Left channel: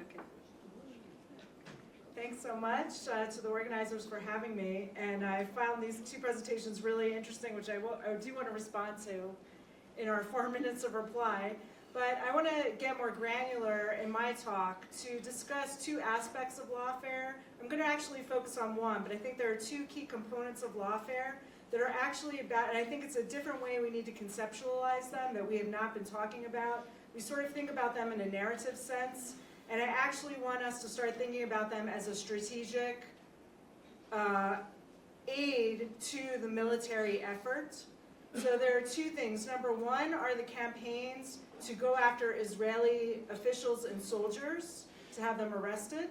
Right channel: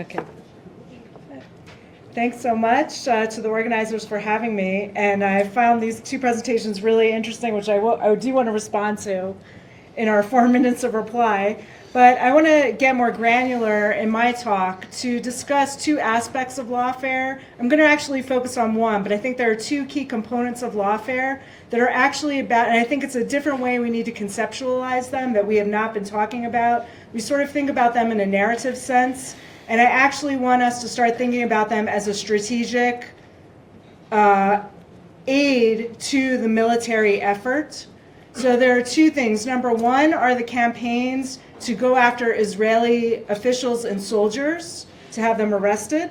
Okay. Thanks so much to the organizers for having me. And I found these two presentations really interesting, which I do want to respond to in our 4 minutes of reply. But I want to get more granular in my talk to discuss two aspects of lawfare. I'm going to actually focus on one, but I think there are two key components of lawfare that are actually about, and I think it's a different way we need to conceptualize them that we have not been talking about. We sort of think about them in a narrative sense, and I actually want us to start thinking about them as a strategic aid to the military effort. So there are two things. Number one are the campaigns to go after Israeli officials and soldiers to have them arrested,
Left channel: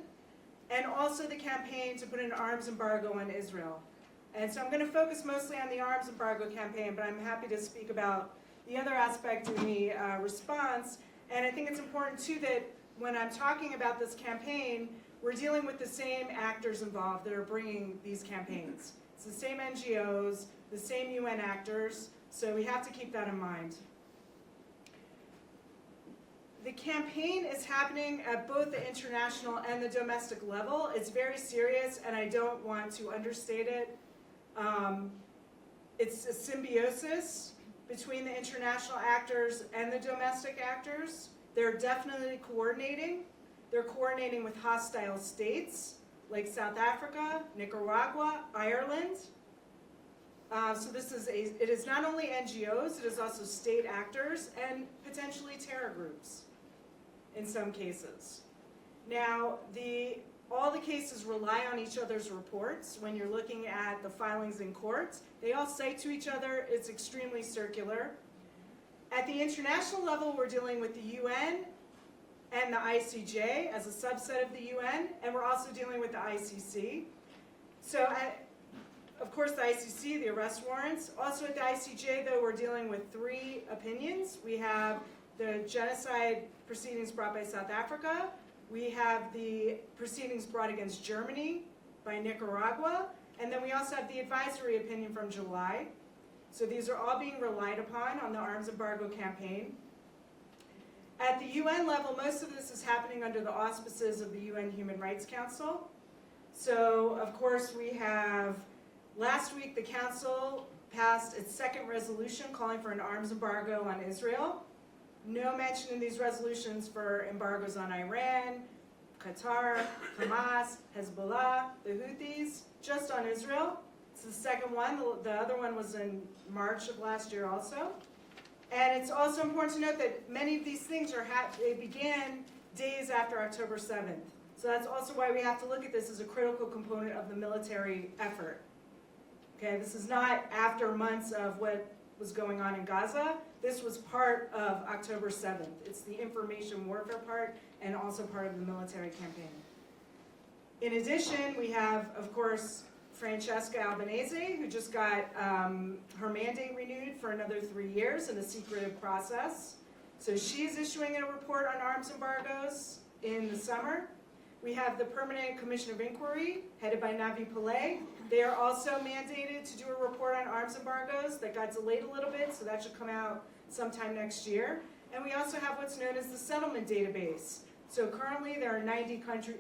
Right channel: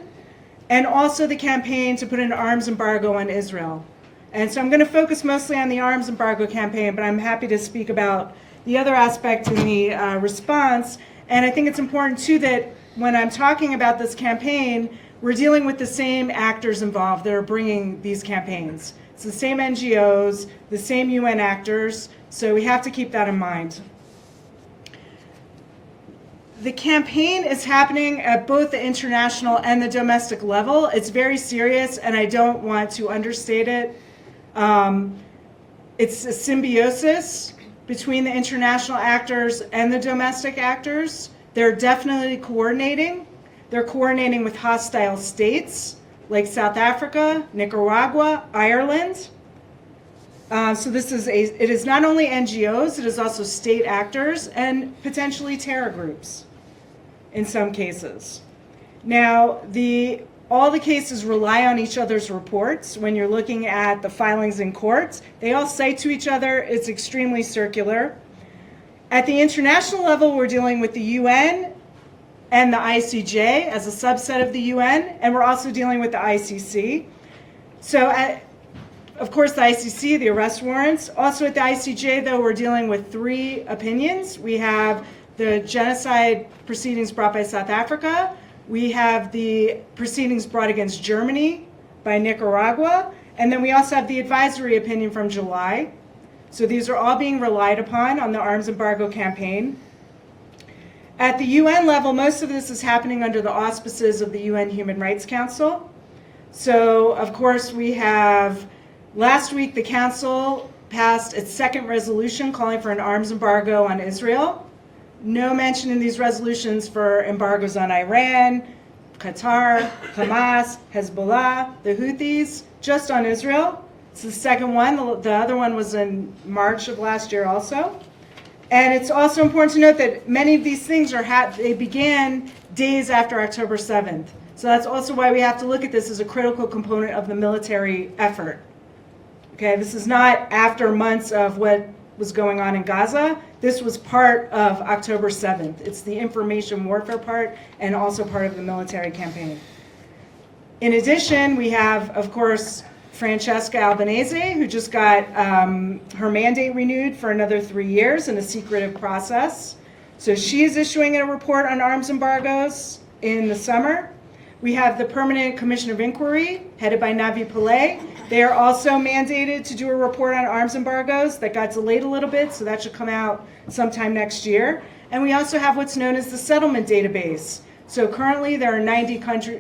and also the campaign to put an arms embargo on Israel. And so I'm going to focus mostly on the arms embargo campaign, but I'm happy to speak about the other aspect in the response. And I think it's important too that when I'm talking about this campaign, we're dealing with the same actors involved that are bringing these campaigns. It's the same NGOs, the same UN actors, so we have to keep that in mind. The campaign is happening at both the international and the domestic level. It's very serious, and I don't want to understate it. It's a symbiosis between the international actors and the domestic actors. They're definitely coordinating. They're coordinating with hostile states like South Africa, Nicaragua, Ireland. So it is not only NGOs, it is also state actors and potentially terror groups in some cases. Now, all the cases rely on each other's reports. When you're looking at the filings in courts, they all cite to each other. It's extremely circular. At the international level, we're dealing with the UN and the ICJ as a subset of the UN, and we're also dealing with the ICC. So, of course, the ICC, the arrest warrants. Also at the ICJ, though, we're dealing with 3 opinions. We have the genocide proceedings brought by South Africa. We have the proceedings brought against Germany by Nicaragua. And then we also have the advisory opinion from July. So these are all being relied upon on the arms embargo campaign. At the UN level, most of this is happening under the auspices of the UN Human Rights Council. So, of course, we have, last week the Council passed its 2nd resolution calling for an arms embargo on Israel. No mention in these resolutions for embargoes on Iran, Qatar, Hamas, Hezbollah, the Houthis, just on Israel. It's the 2nd one. The other one was in March of last year also. And it's also important to note that many of these things they began days after October 7th. So that's also why we have to look at this as a critical component of the military effort. Okay, this is not after months of what was going on in Gaza. This was part of October 7th. It's the information warfare part and also part of the military campaign. In addition, we have, of course, Francesca Albanese, who just got her mandate renewed for another 3 years in a secretive process. So she is issuing a report on arms embargoes in the summer. We have the Permanent Commission of Inquiry, headed by Navi Pillay. They are also mandated to do a report on arms embargoes. That got delayed a little bit, so that should come out sometime next year. And we also have what's known as the settlement database. So currently there are 90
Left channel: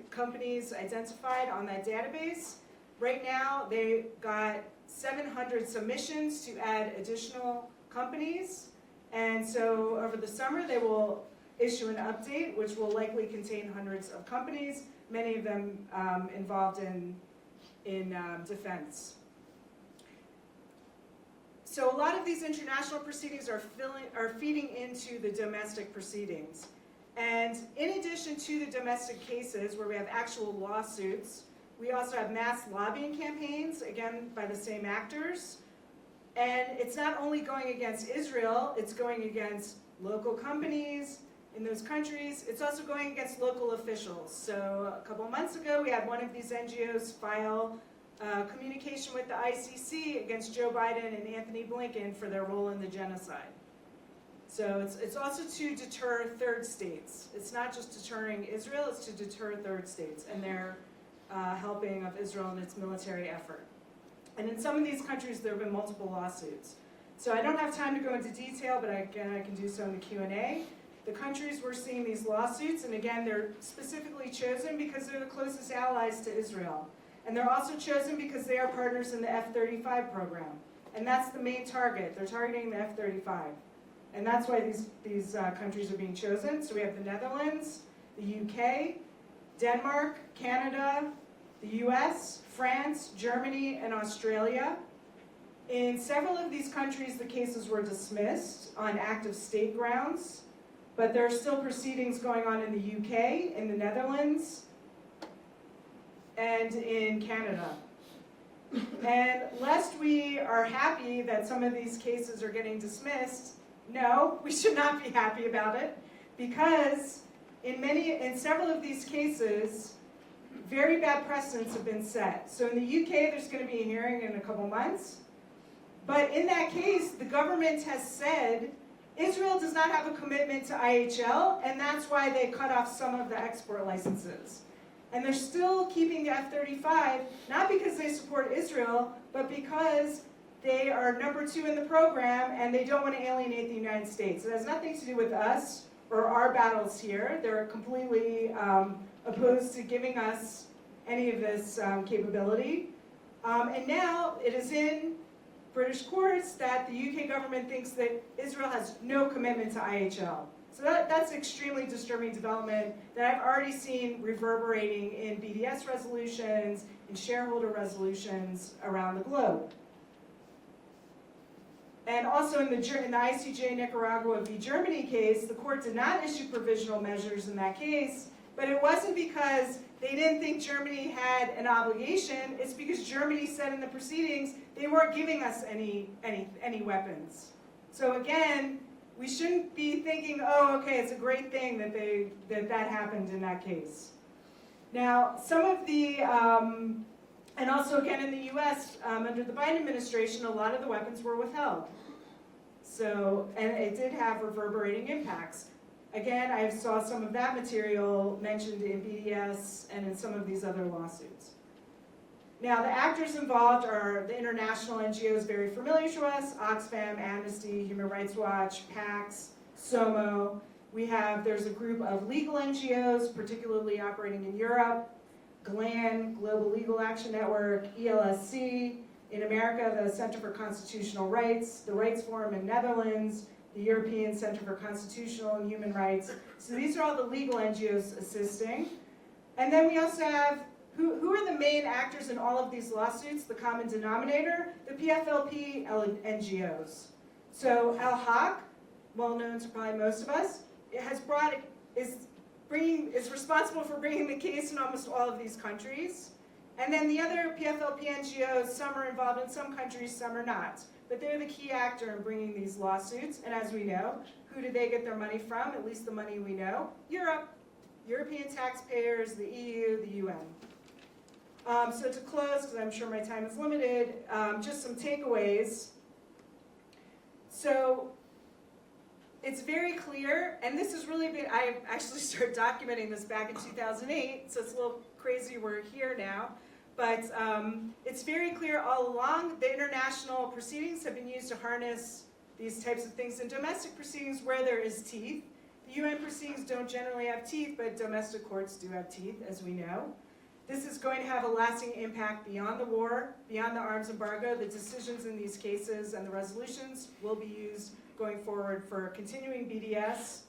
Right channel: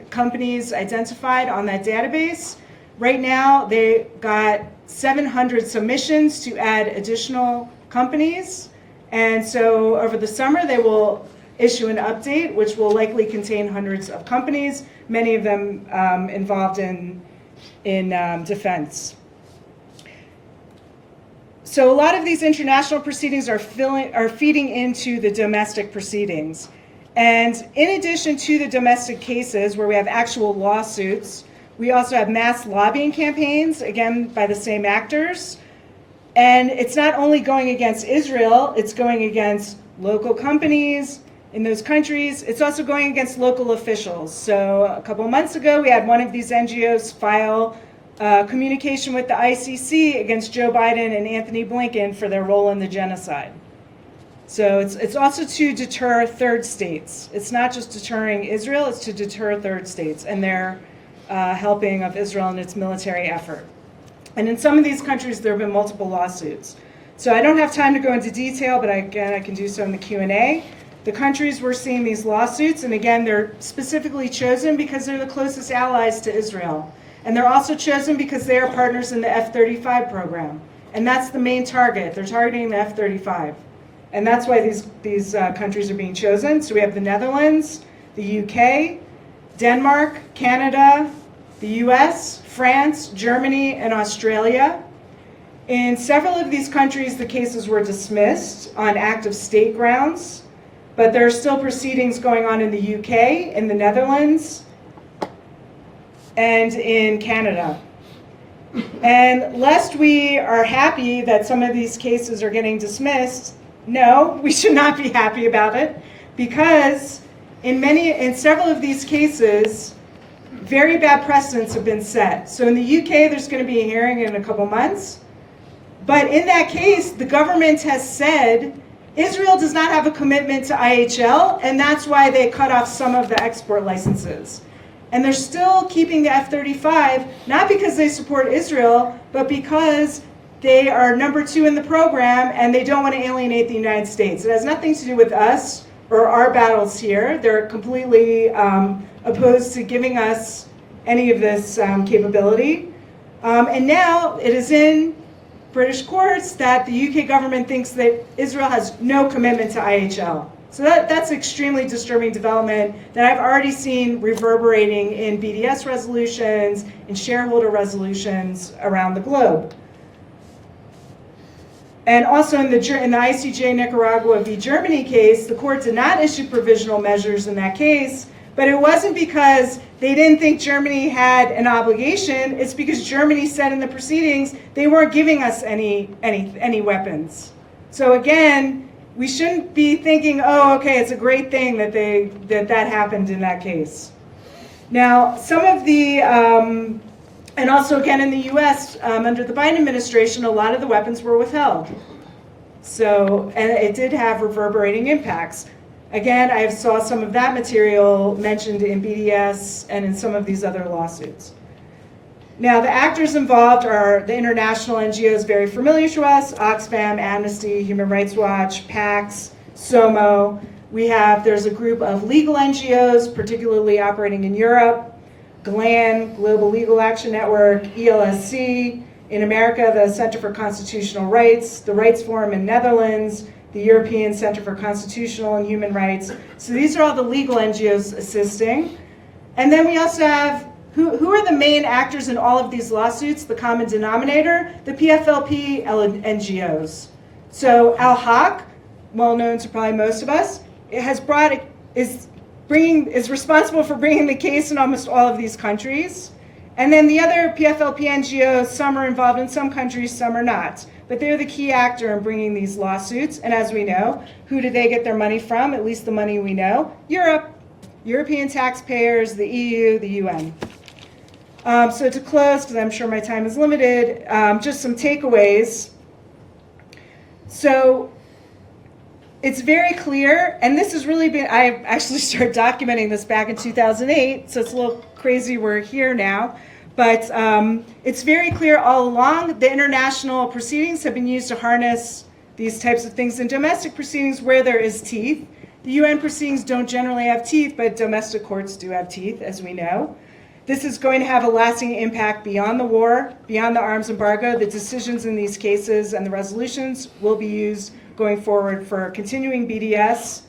companies identified on that database. Right now, they got 700 submissions to add additional companies. And so over the summer, they will issue an update, which will likely contain hundreds of companies, many of them involved in defense. So a lot of these international proceedings are feeding into the domestic proceedings. And in addition to the domestic cases where we have actual lawsuits, we also have mass lobbying campaigns, again, by the same actors. And it's not only going against Israel, it's going against local companies in those countries. It's also going against local officials. So a couple of months ago, we had one of these NGOs file communication with the ICC against Joe Biden and Anthony Blinken for their role in the genocide. So it's also to deter third states. It's not just deterring Israel, it's to deter third states and their helping of Israel in its military effort. And in some of these countries, there have been multiple lawsuits. So I don't have time to go into detail, but again, I can do so in the Q&A. The countries we're seeing these lawsuits, and again, they're specifically chosen because they're the closest allies to Israel. And they're also chosen because they are partners in the F-35 program. And that's the main target. They're targeting the F-35. And that's why these countries are being chosen. So we have the Netherlands, the UK, Denmark, Canada, the US, France, Germany, and Australia. In several of these countries, the cases were dismissed on act of state grounds, but there are still proceedings going on in the UK, in the Netherlands, and in Canada. And lest we are happy that some of these cases are getting dismissed, no, we should not be happy about it, because in several of these cases, very bad precedents have been set. So in the UK, there's going to be a hearing in a couple months. But in that case, the government has said Israel does not have a commitment to IHL, and that's why they cut off some of the export licenses. And they're still keeping the F-35, not because they support Israel, but because they are number 2 in the program and they don't want to alienate the United States. It has nothing to do with us or our battles here. They're completely opposed to giving us any of this capability. And now it is in British courts that the UK government thinks that Israel has no commitment to IHL. So that's extremely disturbing development that I've already seen reverberating in BDS resolutions, in shareholder resolutions around the globe. And also in the ICJ Nicaragua v. Germany case, the court did not issue provisional measures in that case, but it wasn't because they didn't think Germany had an obligation. It's because Germany said in the proceedings they weren't giving us any weapons. So again, we shouldn't be thinking, oh, okay, it's a great thing that that happened in that case. Now, some of the, and also again in the U.S., under the Biden administration, a lot of the weapons were withheld. So, and it did have reverberating impacts. Again, I saw some of that material mentioned in BDS and in some of these other lawsuits. Now, the actors involved are the international NGOs very familiar to us: Oxfam, Amnesty, Human Rights Watch, PAX, SOMO. There's a group of legal NGOs, particularly operating in Europe: GLAN, Global Legal Action Network, ELSC. In America, the Center for Constitutional Rights, the Rights Forum in Netherlands, the European Center for Constitutional and Human Rights. So these are all the legal NGOs assisting. And then we also have, who are the main actors in all of these lawsuits? The common denominator, the PFLP NGOs. So Al-Haq, well known to probably most of us, is responsible for bringing the case in almost all of these countries. And then the other PFLP NGOs, some are involved in some countries, some are not. But they're the key actor in bringing these lawsuits. And as we know, who do they get their money from? At least the money we know. Europe, European taxpayers, the EU, the UN. So to close, because I'm sure my time is limited, just some takeaways. So it's very clear, and this has really been, I actually started documenting this back in 2008, so it's a little crazy we're here now. But it's very clear all along the international proceedings have been used to harness these types of things in domestic proceedings where there is teeth. The UN proceedings don't generally have teeth, but domestic courts do have teeth, as we know. This is going to have a lasting impact beyond the war, beyond the arms embargo. The decisions in these cases and the resolutions will be used going forward for continuing BDS.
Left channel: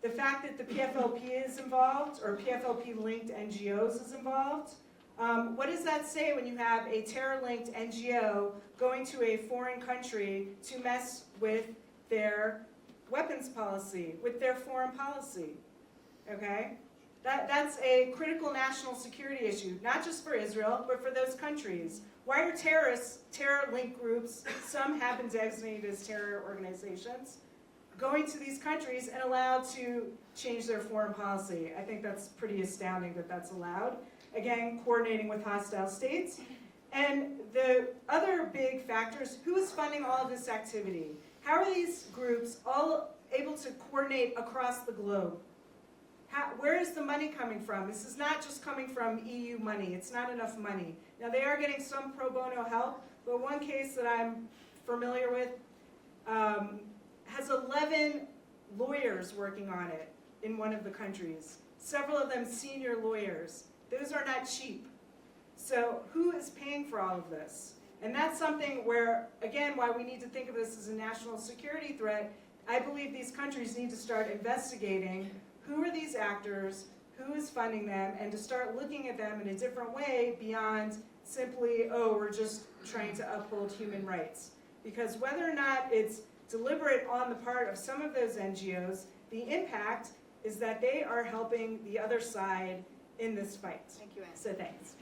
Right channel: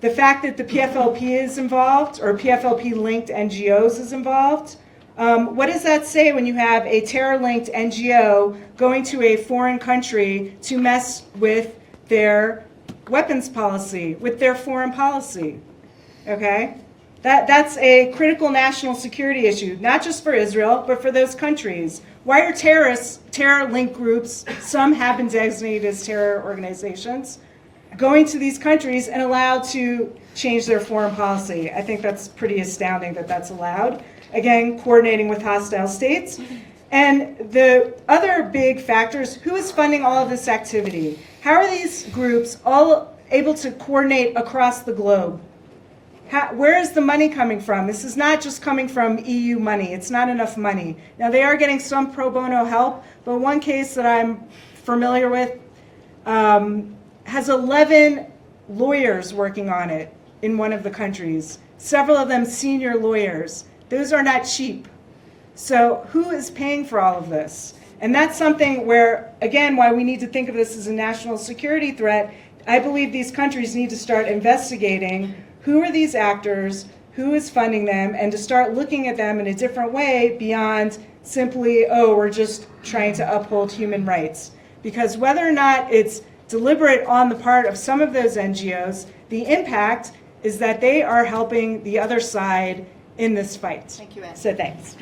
The fact that the PFLP is involved, or PFLP-linked NGOs is involved, what does that say when you have a terror-linked NGO going to a foreign country to mess with their weapons policy, with their foreign policy? Okay? That's a critical national security issue, not just for Israel, but for those countries. Why are terror-linked groups, some have been designated as terror organizations, going to these countries and allowed to change their foreign policy? I think that's pretty astounding that that's allowed. Again, coordinating with hostile states. And the other big factors, who is funding all of this activity? How are these groups all able to coordinate across the globe? Where is the money coming from? This is not just coming from EU money. It's not enough money. Now, they are getting some pro bono help, but one case that I'm familiar with has 11 lawyers working on it in one of the countries, several of them senior lawyers. Those are not cheap. So who is paying for all of this? And that's something where, again, why we need to think of this as a national security threat. I believe these countries need to start investigating who are these actors, who is funding them, and to start looking at them in a different way beyond simply, oh, we're just trying to uphold human rights. Because whether or not it's deliberate on the part of some of those NGOs, the impact is that they are helping the other side in this fight. Thank you, Anne. So thanks.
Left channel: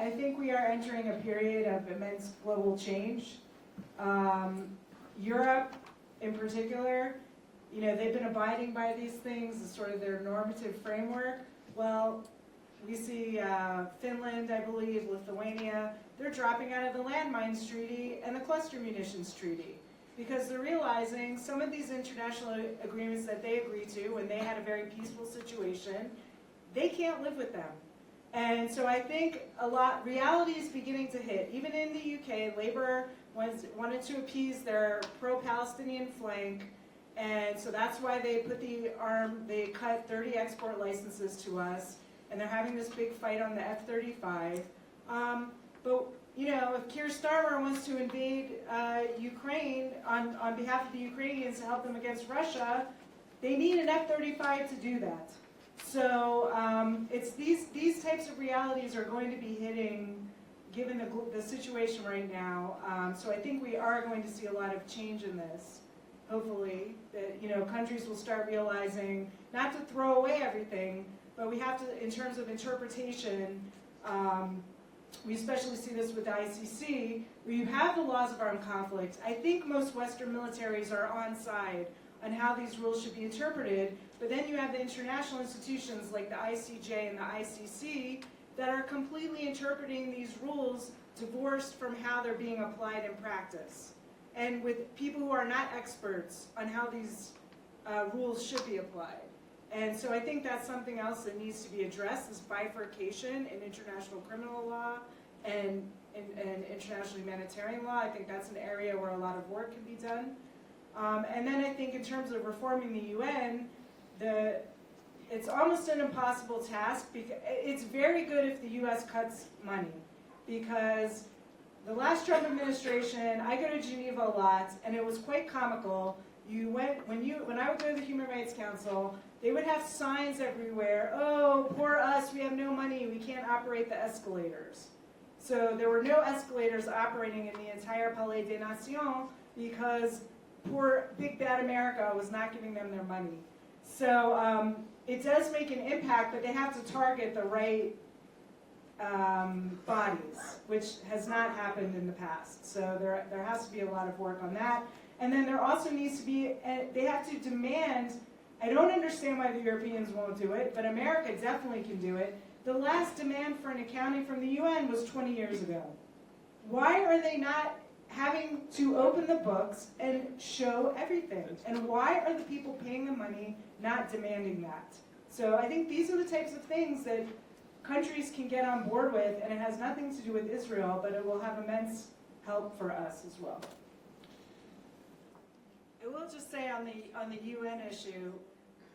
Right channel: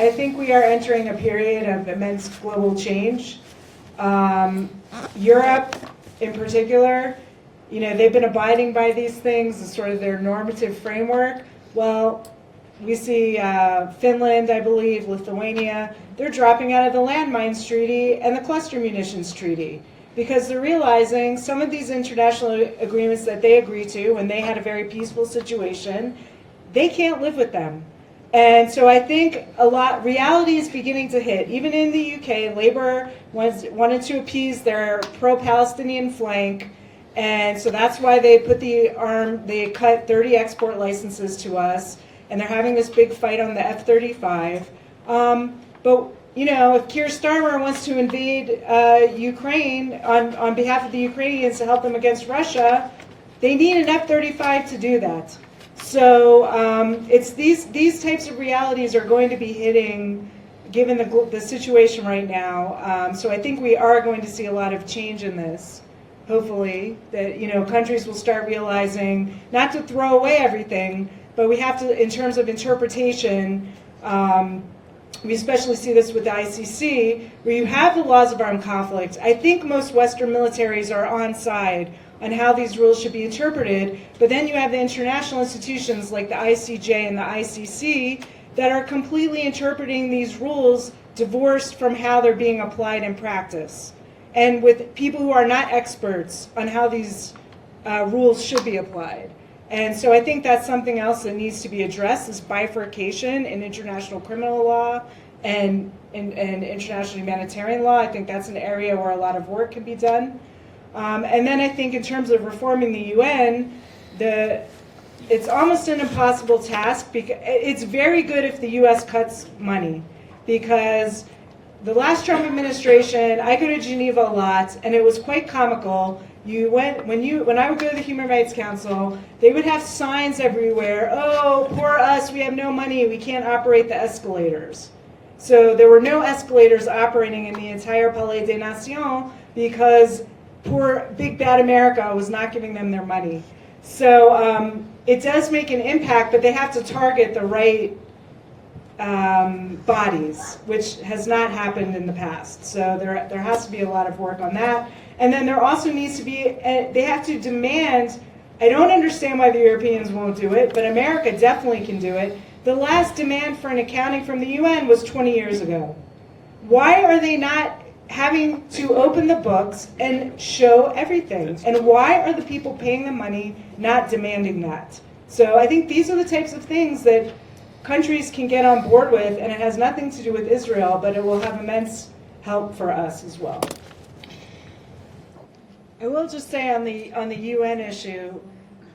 I think we are entering a period of immense global change. Europe, in particular, they've been abiding by these things as sort of their normative framework. Well, we see Finland, I believe, Lithuania, they're dropping out of the landmines treaty and the cluster munitions treaty because they're realizing some of these international agreements that they agree to when they had a very peaceful situation, they can't live with them. And so I think reality is beginning to hit. Even in the UK, Labour wanted to appease their pro-Palestinian flank, and so that's why they they cut 30 export licenses to us, and they're having this big fight on the F-35. But if Keir Starmer wants to invade Ukraine on behalf of the Ukrainians to help them against Russia, they need an F-35 to do that. So it's these types of realities are going to be hitting, given the situation right now. So I think we are going to see a lot of change in this. Hopefully, that countries will start realizing not to throw away everything, but we have to, in terms of interpretation. We especially see this with the ICC, where you have the laws of armed conflict. I think most Western militaries are on side on how these rules should be interpreted, but then you have the international institutions like the ICJ and the ICC that are completely interpreting these rules divorced from how they're being applied in practice, and with people who are not experts on how these rules should be applied. And so I think that's something else that needs to be addressed, is bifurcation in international criminal law and international humanitarian law. I think that's an area where a lot of work can be done. And then I think in terms of reforming the UN, it's almost an impossible task. Because it's very good if the US cuts money, because the last Trump administration, I go to Geneva a lot, and it was quite comical. When I would go to the Human Rights Council, they would have signs everywhere. Oh, poor us, we have no money, we can't operate the escalators. So there were no escalators operating in the entire Palais des Nations because poor big bad America was not giving them their money. So it does make an impact, but they have to target the right bodies, which has not happened in the past. So there has to be a lot of work on that. And then there also needs to be, they have to demand, I don't understand why the Europeans won't do it, but America definitely can do it. The last demand for an accounting from the UN was 20 years ago. Why are they not having to open the books and show everything? And why are the people paying the money not demanding that? So I think these are the types of things that countries can get on board with, and it has nothing to do with Israel, but it will have immense help for us as well. I will just say on the UN issue,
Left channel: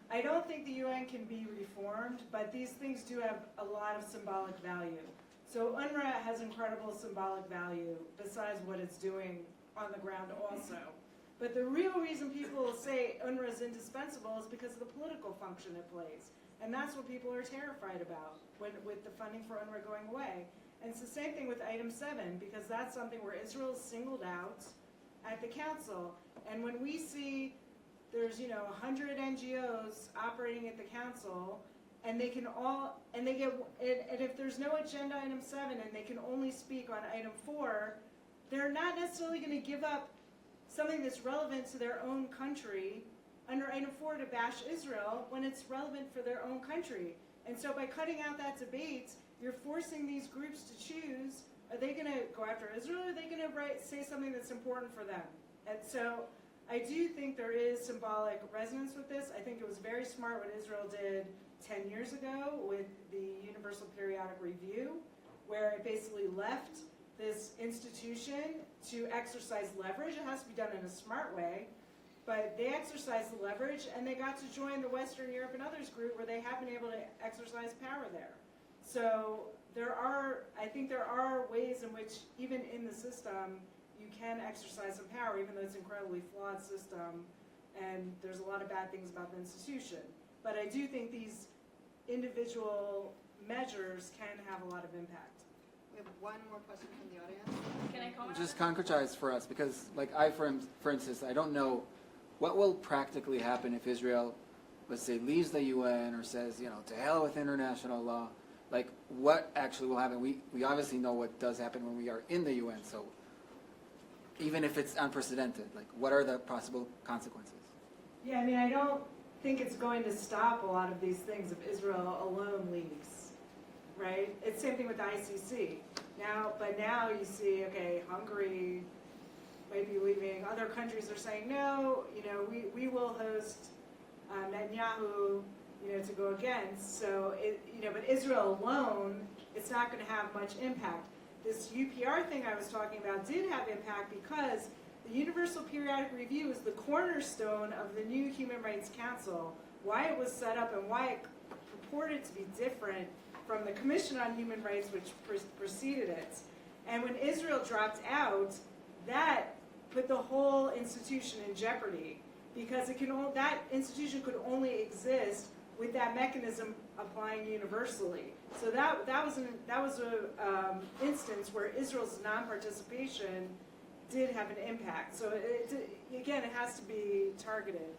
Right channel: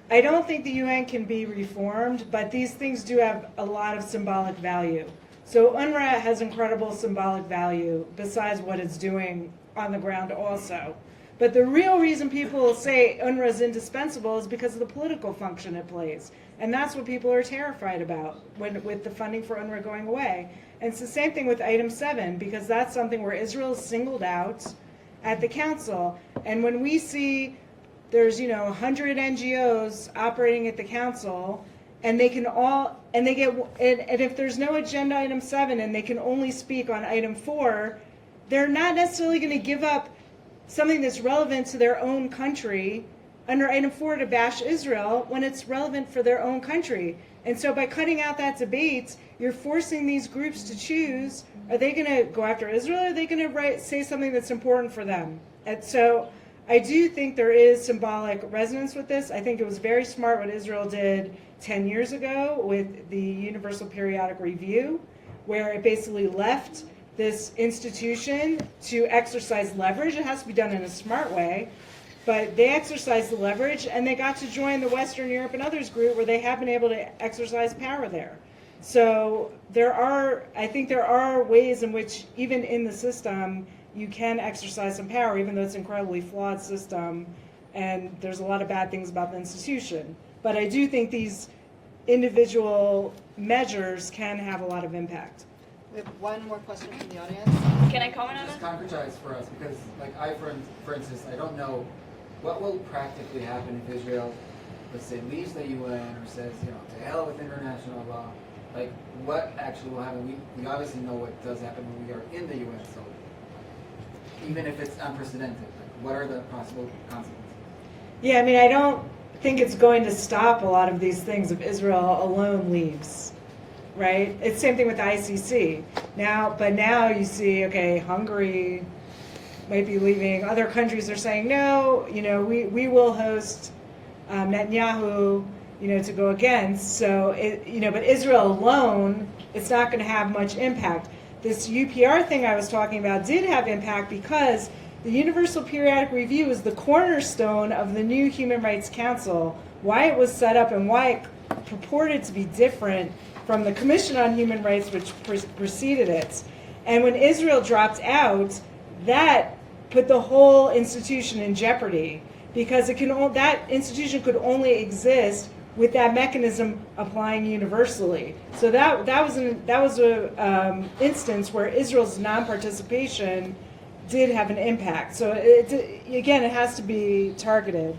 I don't think the UN can be reformed, but these things do have a lot of symbolic value. So UNRWA has incredible symbolic value besides what it's doing on the ground also. But the real reason people say UNRWA is indispensable is because of the political function it plays. And that's what people are terrified about with the funding for UNRWA going away. And it's the same thing with item 7, because that's something where Israel is singled out at the council. And when we see there's 100 NGOs operating at the council, and they can all, and they get, and if there's no agenda item 7 and they can only speak on item 4, they're not necessarily going to give up something that's relevant to their own country under item 4 to bash Israel when it's relevant for their own country. And so by cutting out that debate, you're forcing these groups to choose, are they going to go after Israel, or are they going to say something that's important for them? And so I do think there is symbolic resonance with this. I think it was very smart what Israel did 10 years ago with the Universal Periodic Review, where it basically left this institution to exercise leverage. It has to be done in a smart way, but they exercised the leverage and they got to join the Western Europe and others group where they have been able to exercise power there. So I think there are ways in which even in the system you can exercise some power, even though it's an incredibly flawed system and there's a lot of bad things about the institution. But I do think these individual measures can have a lot of impact. We have one more question from the audience. Can I comment on Just it? concretize for us, because for instance, I don't know what will practically happen if Israel, let's say, leaves the UN or says, to hell with international law. Like, what actually will happen? We obviously know what does happen when we are in the UN, so even if it's unprecedented, like, what are the possible consequences? Yeah, I mean, I don't think it's going to stop a lot of these things if Israel alone leaves, right? It's the same thing with the ICC. But now you see, okay, Hungary might be leaving. Other countries are saying, no, we will host Netanyahu, to go against. So, but Israel alone, it's not going to have much impact. This UPR thing I was talking about did have impact because the Universal Periodic Review is the cornerstone of the new Human Rights Council, why it was set up and why it purported to be different from the Commission on Human Rights, which preceded it. And when Israel dropped out, that put the whole institution in jeopardy because that institution could only exist with that mechanism applying universally. So that was a instance where Israel's non-participation did have an impact. So again, it has to be targeted.